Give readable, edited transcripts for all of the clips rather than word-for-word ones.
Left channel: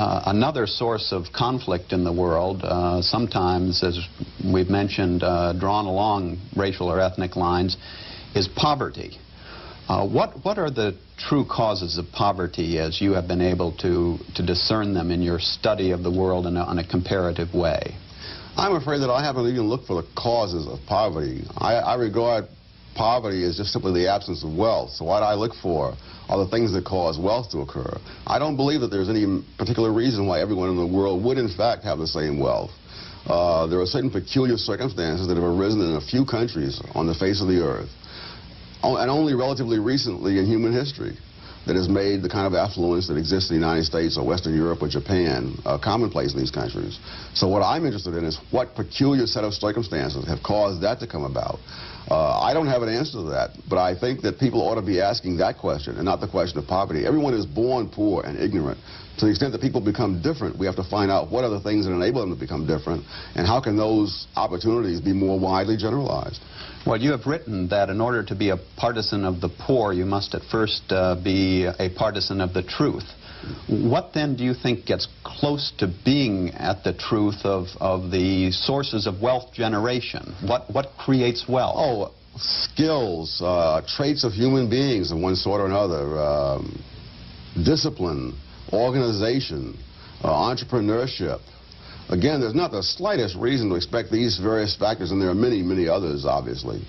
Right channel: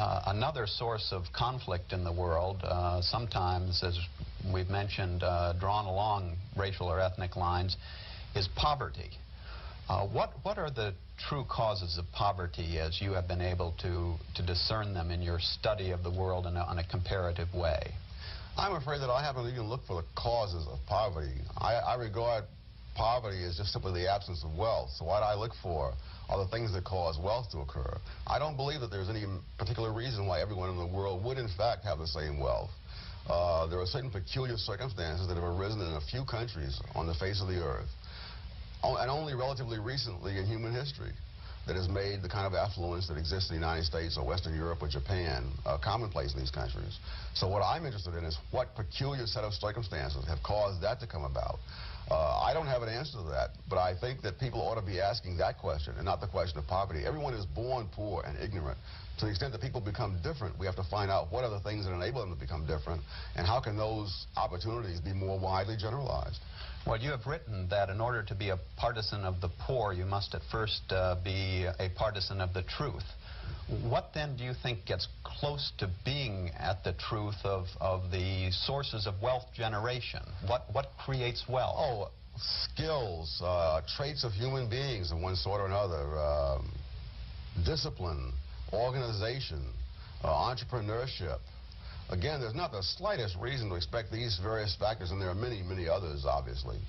Another source of conflict in the world, sometimes, as we've mentioned, drawn along racial or ethnic lines, is poverty. What are the true causes of poverty as you have been able to discern them in your study of the world in a comparative way? I'm afraid that I haven't even looked for the causes of poverty. I regard poverty as just simply the absence of wealth. So what I look for are the things that cause wealth to occur. I don't believe that there's any particular reason why everyone in the world would in fact have the same wealth. There are certain peculiar circumstances that have arisen in a few countries on the face of the earth, and only relatively recently in human history, that has made the kind of affluence that exists in the United States or Western Europe or Japan commonplace in these countries. So what I'm interested in is what peculiar set of circumstances have caused that to come about. I don't have an answer to that, but I think that people ought to be asking that question and not the question of poverty. Everyone is born poor and ignorant. To the extent that people become different, we have to find out what are the things that enable them to become different, and how can those opportunities be more widely generalized. Well, you have written that in order to be a partisan of the poor, you must at first be a partisan of the truth. What then do you think gets close to being at the truth of the sources of wealth generation? What creates wealth? Oh, skills, traits of human beings of one sort or another, discipline, organization, entrepreneurship. Again, there's not the slightest reason to expect these various factors, and there are many, many others, obviously,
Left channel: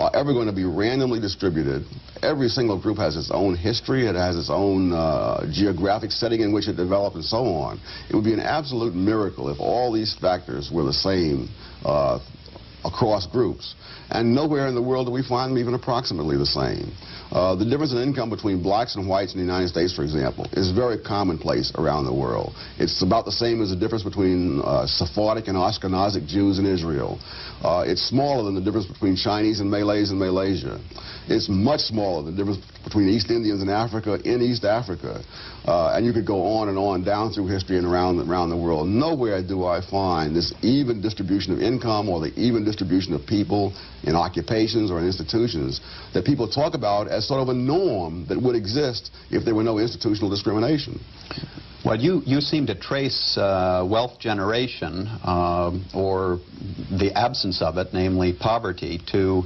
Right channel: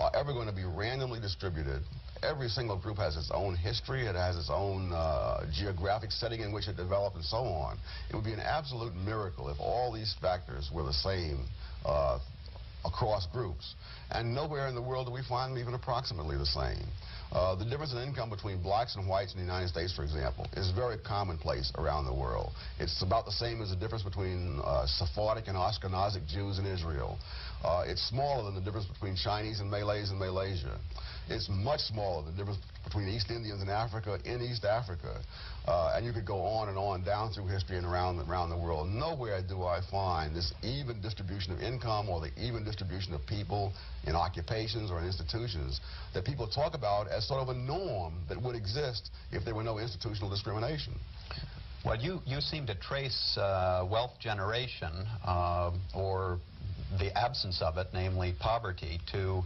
are ever going to be randomly distributed. Every single group has its own history, it has its own geographic setting in which it developed, and so on. It would be an absolute miracle if all these factors were the same across groups. And nowhere in the world do we find them even approximately the same. The difference in income between blacks and whites in the United States, for example, is very commonplace around the world. It's about the same as the difference between Sephardic and Ashkenazic Jews in Israel. It's smaller than the difference between Chinese and Malays in Malaysia. It's much smaller than the difference between East Indians in Africa in East Africa. And you could go on and on down through history and around the world. Nowhere do I find this even distribution of income or the even distribution of people in occupations or in institutions that people talk about as sort of a norm that would exist if there were no institutional discrimination. Well, you seem to trace wealth generation, or the absence of it, namely poverty, to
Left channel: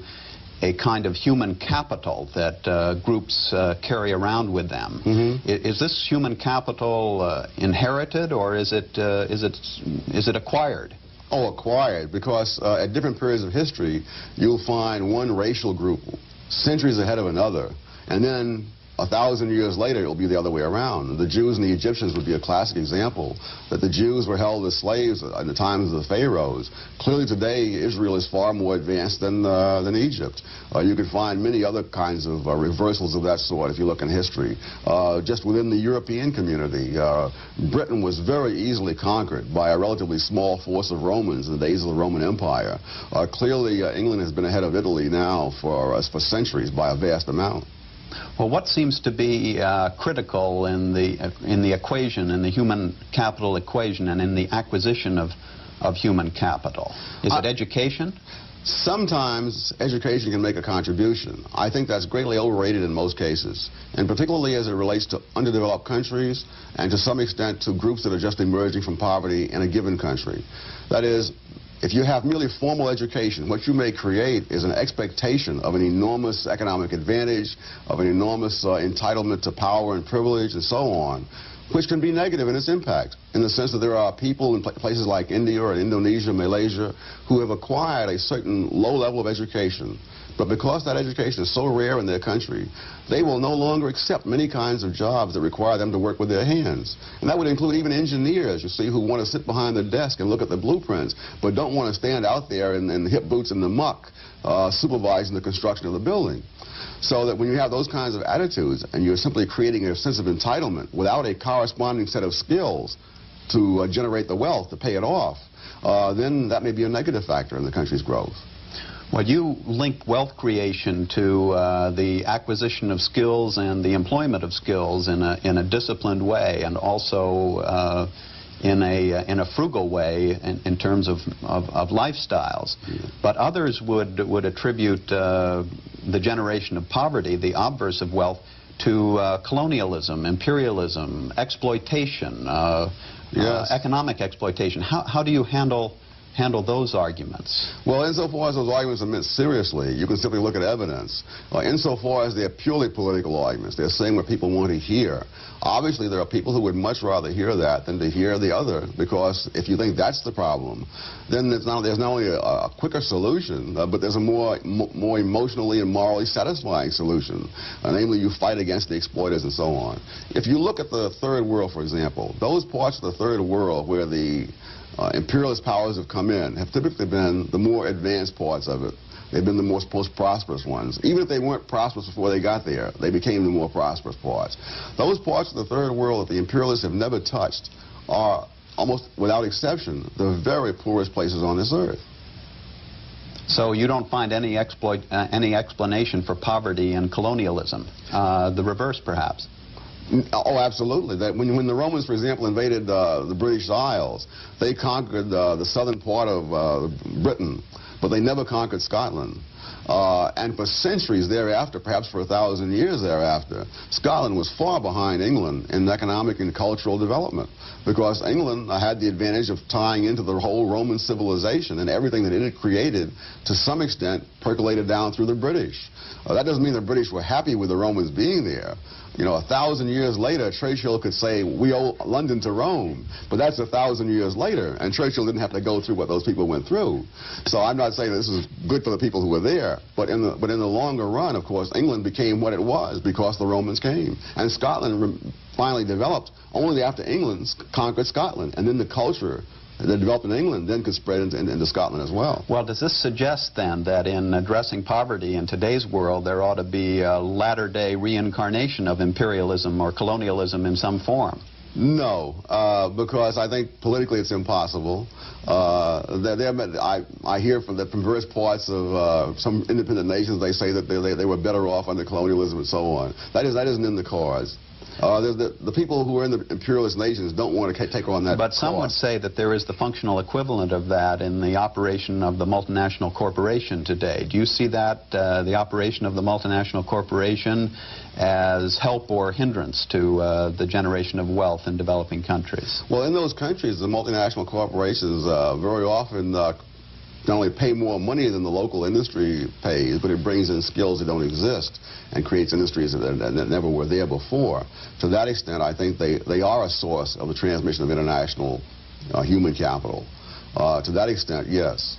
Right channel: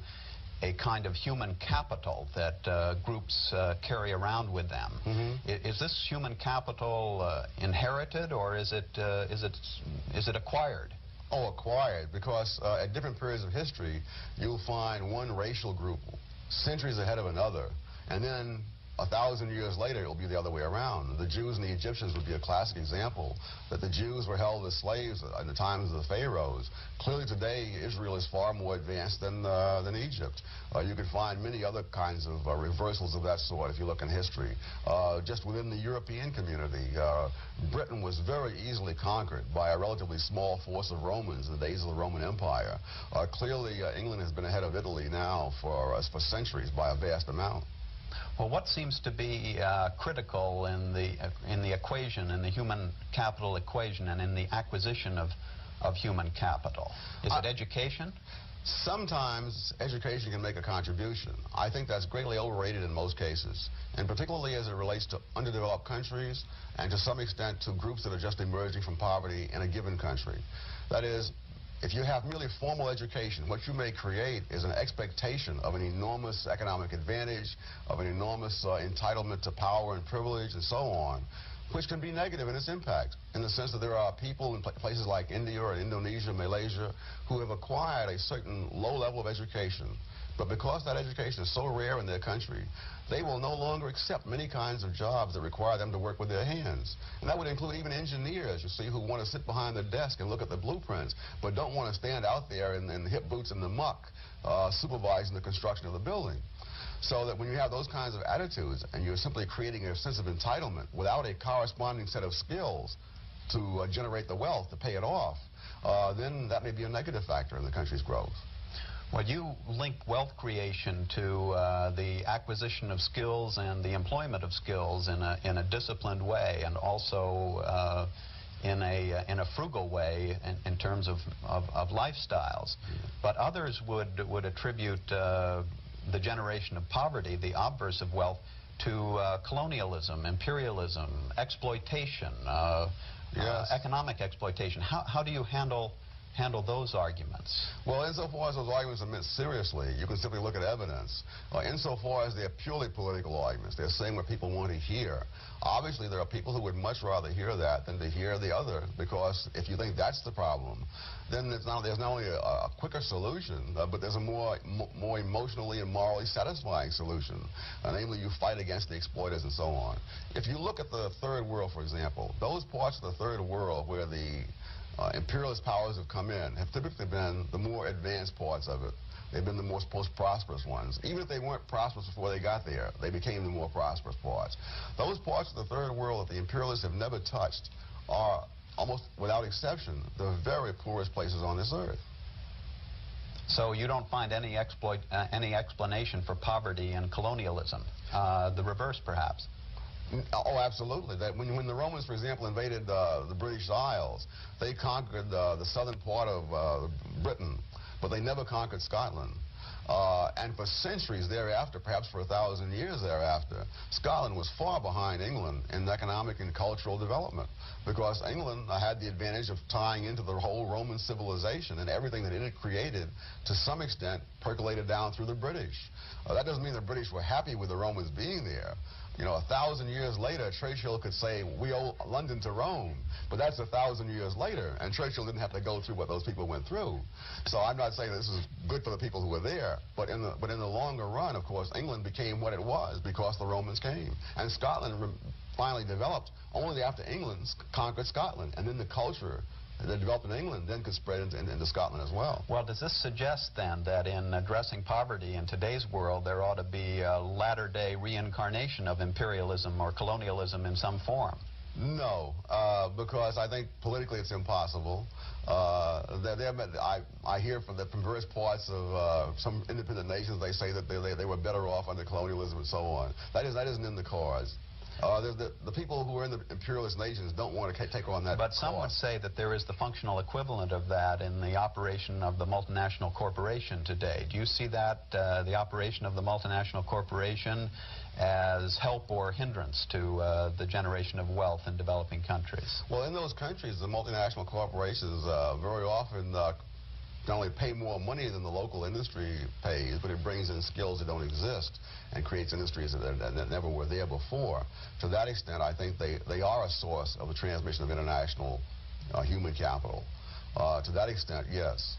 a kind of human capital that groups carry around with them. Mm-hmm. Is this human capital inherited, or is it acquired? Oh, acquired, because at different periods of history, you'll find one racial group centuries ahead of another, and then 1,000 years later, it'll be the other way around. The Jews and the Egyptians would be a classic example, that the Jews were held as slaves in the times of the pharaohs. Clearly today, Israel is far more advanced than Egypt. You can find many other kinds of reversals of that sort if you look in history. Just within the European community, Britain was very easily conquered by a relatively small force of Romans in the days of the Roman Empire. Clearly, England has been ahead of Italy now for centuries by a vast amount. Well, what seems to be critical in the equation, in the human capital equation, and in the acquisition of human capital? Is it education? Sometimes education can make a contribution. I think that's greatly overrated in most cases, and particularly as it relates to underdeveloped countries and to some extent to groups that are just emerging from poverty in a given country. That is, if you have merely formal education, what you may create is an expectation of an enormous economic advantage, of an enormous entitlement to power and privilege and so on, which can be negative in its impact, in the sense that there are people in places like India or Indonesia, Malaysia, who have acquired a certain low level of education. But because that education is so rare in their country, they will no longer accept many kinds of jobs that require them to work with their hands. And that would include even engineers, you see, who want to sit behind the desk and look at the blueprints, but don't want to stand out there in hip boots in the muck, supervising the construction of the building. So that when you have those kinds of attitudes and you're simply creating a sense of entitlement without a corresponding set of skills to generate the wealth to pay it off, then that may be a negative factor in the country's growth. Well, you link wealth creation to the acquisition of skills and the employment of skills in a disciplined way, and also in a frugal way in terms of lifestyles. Yeah. But others would attribute the generation of poverty, the obverse of wealth, to colonialism, imperialism, exploitation, Yes. economic exploitation. How do you handle those arguments? Well, insofar as those arguments are meant seriously, you can simply look at evidence. Insofar as they're purely political arguments, they're saying what people want to hear. Obviously, there are people who would much rather hear that than to hear the other, because if you think that's the problem, then there's not only a quicker solution, but there's a more emotionally and morally satisfying solution. Namely, you fight against the exploiters and so on. If you look at the Third World, for example, those parts of the Third World where the imperialist powers have come in have typically been the more advanced parts of it. They've been the most prosperous ones. Even if they weren't prosperous before they got there, they became the more prosperous parts. Those parts of the Third World that the imperialists have never touched are, almost without exception, the very poorest places on this earth. So you don't find any explanation for poverty and colonialism? The reverse, perhaps? Oh, absolutely. That when the Romans, for example, invaded the British Isles, they conquered the southern part of Britain, but they never conquered Scotland. And for centuries thereafter, perhaps for 1,000 years thereafter, Scotland was far behind England in economic and cultural development, because England had the advantage of tying into the whole Roman civilization, and everything that it had created, to some extent, percolated down through the British. That doesn't mean the British were happy with the Romans being there. You know, 1,000 years later, Churchill could say, we owe London to Rome, but that's 1,000 years later, and Churchill didn't have to go through what those people went through. So I'm not saying this is good for the people who were there, but in the longer run, of course, England became what it was because the Romans came. And Scotland finally developed only after England conquered Scotland, and then the culture that developed in England then could spread into Scotland as well. Well, does this suggest then that in addressing poverty in today's world there ought to be a latter-day reincarnation of imperialism or colonialism in some form? No, because I think politically it's impossible. I hear from various parts of some independent nations, they say that they were better off under colonialism and so on. That isn't in the cards. The people who are in the imperialist nations don't want to take on that But some would say that there is the functional equivalent of that in the operation of the multinational corporation today. Do you see that, the operation of the multinational corporation, as help or hindrance to the generation of wealth in developing countries? Well, in those countries, the multinational corporations very often not only pay more money than the local industry pays, but it brings in skills that don't exist and creates industries that never were there before. To that extent, I think they are a source of the transmission of international human capital. To that extent, yes.